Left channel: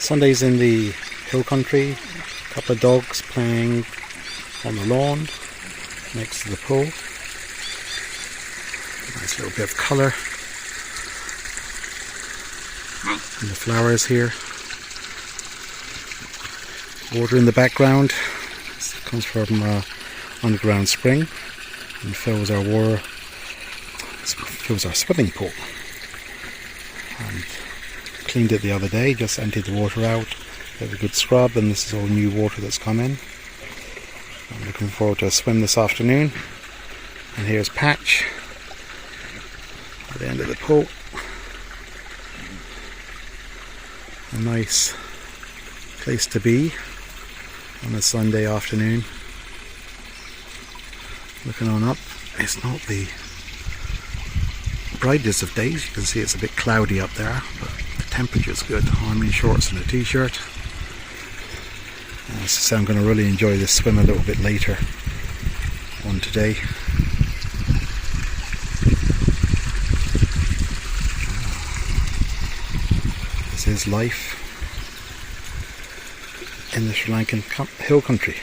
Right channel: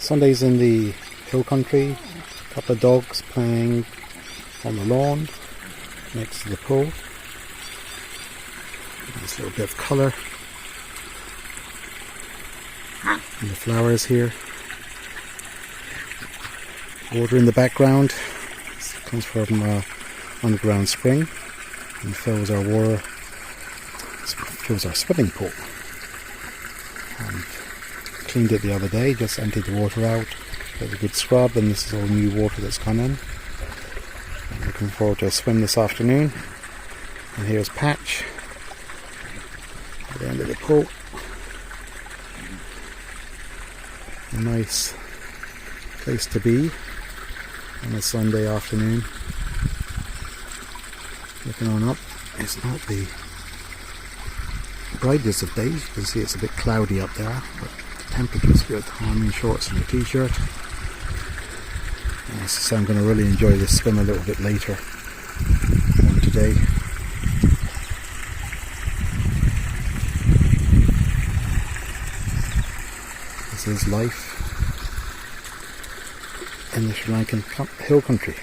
Sundays in the hill country, a couple of dogs playing on the lawn next to the pool. Nice little bit of colour in the flowers here. Water in the background. This comes from underground spring and fills our swimming pool. And cleaned it the other day, just emptied the water out, had a good scrub, and this is all new water that's come in. I'm looking forward to a swim this afternoon. And here's Patch at the end of the pool. A nice place to be on a Sunday afternoon. Looking on up, it's not the brightest of days. You can see it's a bit cloudy up there, but the temperature's good. I'm in shorts and a t-shirt. So I'm going to really enjoy this swim a little bit later on today. This is life in the Sri Lankan hill country.